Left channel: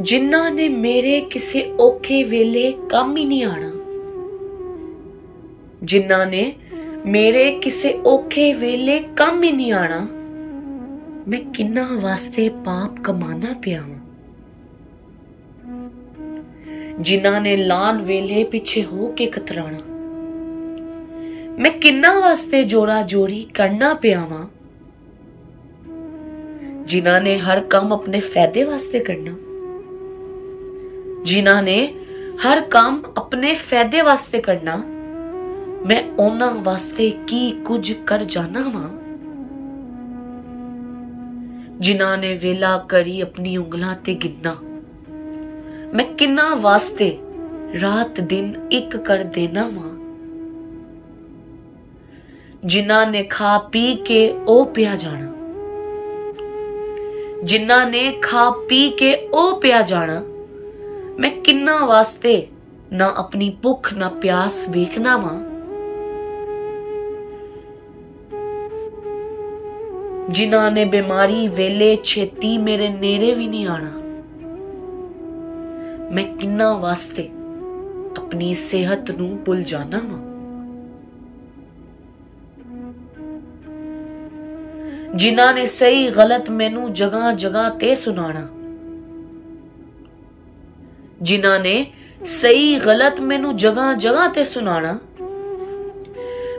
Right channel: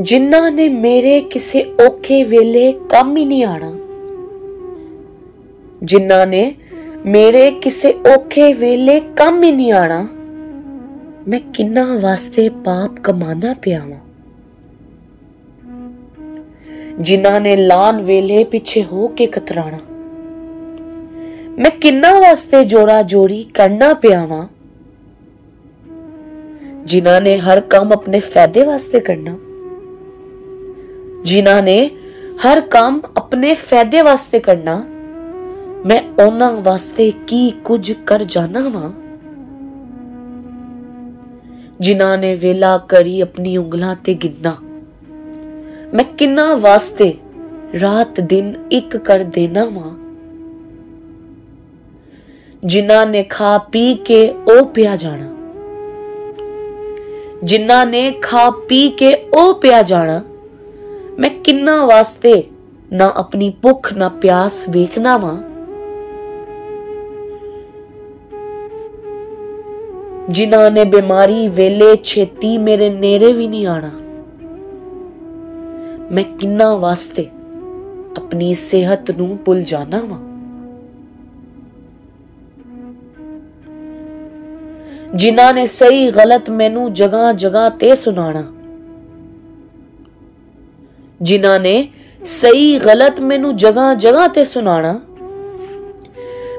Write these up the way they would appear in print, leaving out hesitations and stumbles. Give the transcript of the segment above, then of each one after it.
जिन्हां ने मेरे किसे औखे वेले कम ही नहीं आना, जिन्हां ने मेरे किसे औखे वेले कम ही नहीं आना, मैं किन्ना वास्ते पाप कमाना पिया वां। जिन्हां ने लान वेले पिछे हो के कतराना, मैं किन्ना वास्ते जोड़ा जोड़ी करना पिया वां। जिन्हां ने हर काम अपने फायदे वास्ते करना, जिन्हां ने हर काम अपने फायदे वास्ते करना, मैं उन्हां वास्ते की कुछ कर जाना वां। जिन्हां ने वेला करी अपनी उंगलां ते गिनना, मैं किन्ना वास्ते रात दिन एक कर देना वां। जिन्हां ने खा पी के ओ पिया जाना, जिन्हां ने खा पी के ओ पिया जाना, मैं किन्ना वास्ते ना अपनी भुख ना प्यास वेखना वां। जिन्हां ने बीमारी वेले छेती मेरे नेड़े भी नहीं आना, मैं किन्ना वास्ते अपनी सेहत नूं भुल जाना वां। जिन्हां ने सही गलत मैनू जगह जगह ते सुनाना, जिन्हां ने सही गलत मैनू जगह जगह ते सुनाना,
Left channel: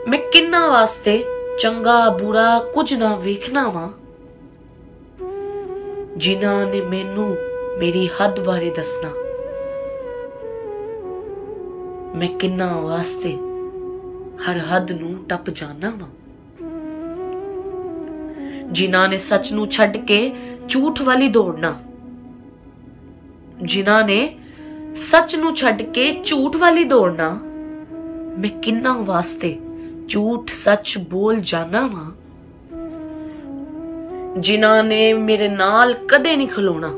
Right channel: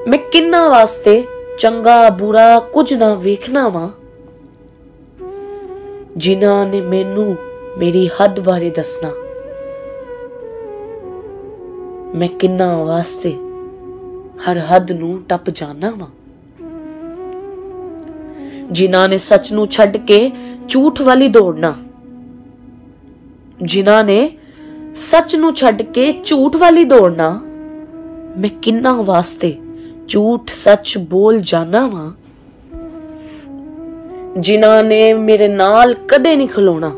मैं किन्ना वास्ते चंगा बुरा कुछ ना वेखना वां। जिन्हां ने मैनू मेरी हद बारे दसना, मैं किन्ना वास्ते हर हद नू टप जाना वां। जिन्हां ने सच नू छड्ड के झूठ वाली दौड़ना, जिन्हां ने सच नू छड्ड के झूठ वाली दौड़ना, मैं किन्ना वास्ते झूठ सच बोल जाना वां। जिन्हां ने मेरे नाल कदे नहीं खलोना,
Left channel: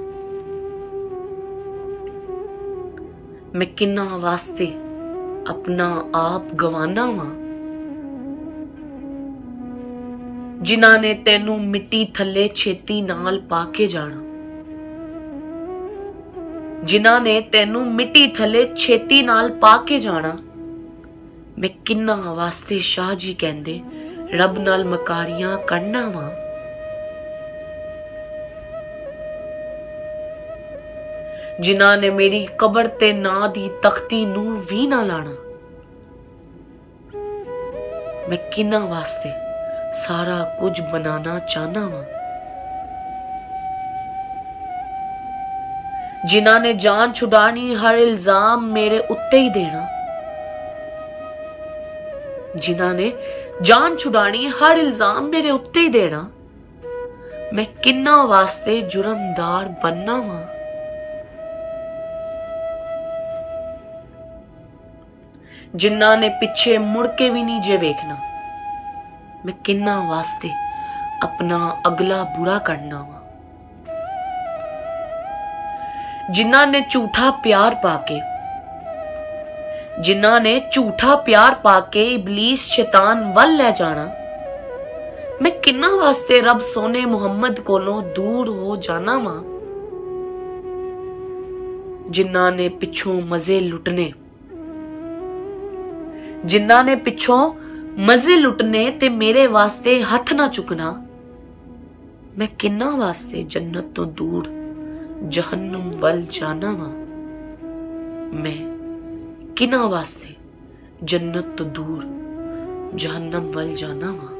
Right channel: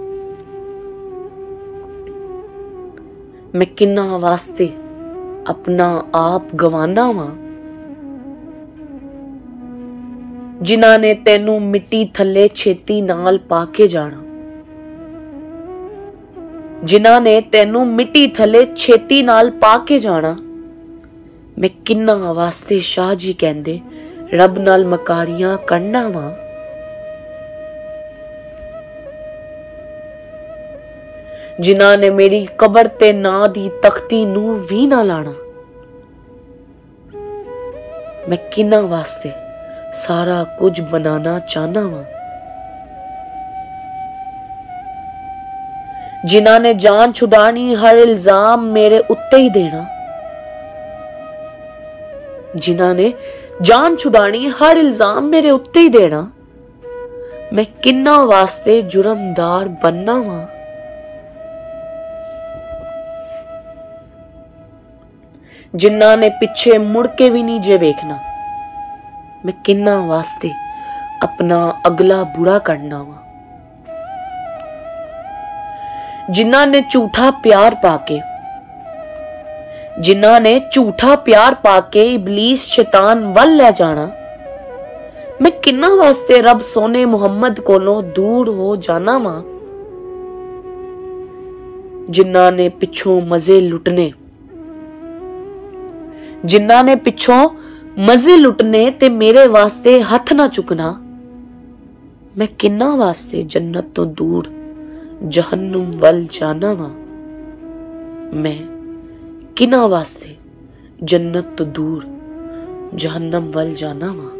मैं किन्ना वास्ते अपना आप गवाना वां। जिन्हां ने तैनू मिट्टी थल्ले छेती नाल पाके जाना, जिन्हां ने तैनू मिट्टी थल्ले छेती नाल पाके जाना, मैं किन्ना वास्ते शाह जी कहंदे रब नाल मकारियां करना वां। जिन्हां ने मेरी कबर ते ना दी तख्ती नू भी ना लाना, मैं किन्ना वास्ते सारा कुछ बनाना चाहना वां। जिन्हां ने जान छुड़ानी हर इल्जाम मेरे उत्ते ही देना, जिन्हां ने जान छुड़ानी हर इल्जाम मेरे उत्ते ही देना, मैं किन्ना वास्ते जुर्मदार बनना वां। जिन्हां ने पिछे मुड़ के भी नहीं जे वेखना, मैं किन्ना वास्ते अपना अगला बुरा करना वां। जिन्हां ने झूठा प्यार पाके, जिन्हां ने झूठा प्यार पाके इबलीस शैतान वल ले जाना, मैं किन्ना वास्ते रब सोने मुहम्मद कोलों दूर हो जाना वां। जिन्हां ने पिछों मजे लुटने, जिन्हां ने पिछों मजे लुटने ते मेरे वास्ते हथ ना चुकना, मैं किन्ना वास्ते जन्नत तो दूर जहन्नुम वल जाना वां। मैं किन्ना वास्ते जन्नत तो दूर जहन्नम वल जाना वां।